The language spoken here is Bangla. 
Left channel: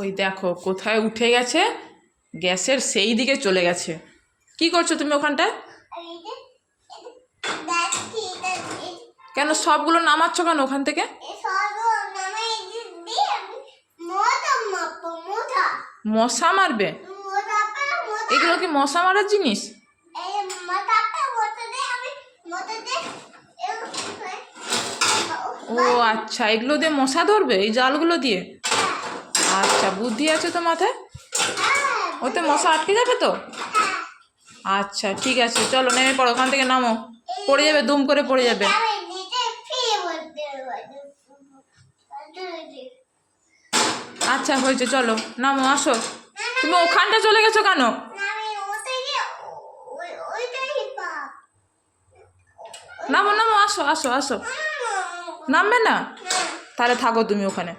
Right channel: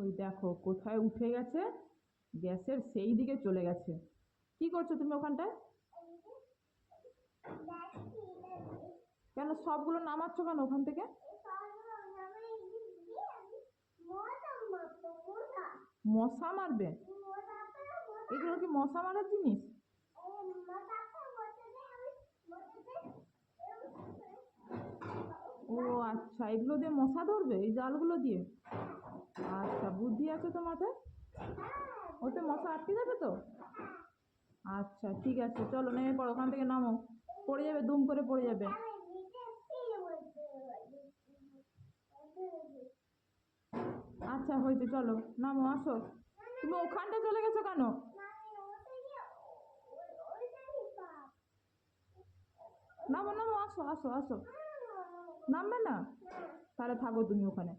ওই দেখো কোথায় উঠে গেছে, গ্যাসের সেই দিকে চলে গেছে। কি করছো তুমি ওখানটায়? কেন সবগুলো নামাচ্ছ কেন ওখান থেকে? মশা মারবে? এগুলো কি মশা মারার জিনিস? ও আচ্ছা, এগুলো দিয়ে মশা ধরবে এই জালগুলো দিয়ে? আচ্ছা, বুদ্ধি আছে তো মাথায়, ওতে মশা আটকে যাবে তো। আচ্ছা ঠিক আছে, চলো নেমে পড়ো, ওখান থেকে নামো, পড়ে যাবে, দুম করে পড়ে যাবে। আচ্ছা হয়েছে, চলো নামো, আসো। তুমি ওখানটা চলে গেছো কেন? নামো নামো, আসো আসো আসো। নামবে না? তাহলে থাকো তুমি ওখানে।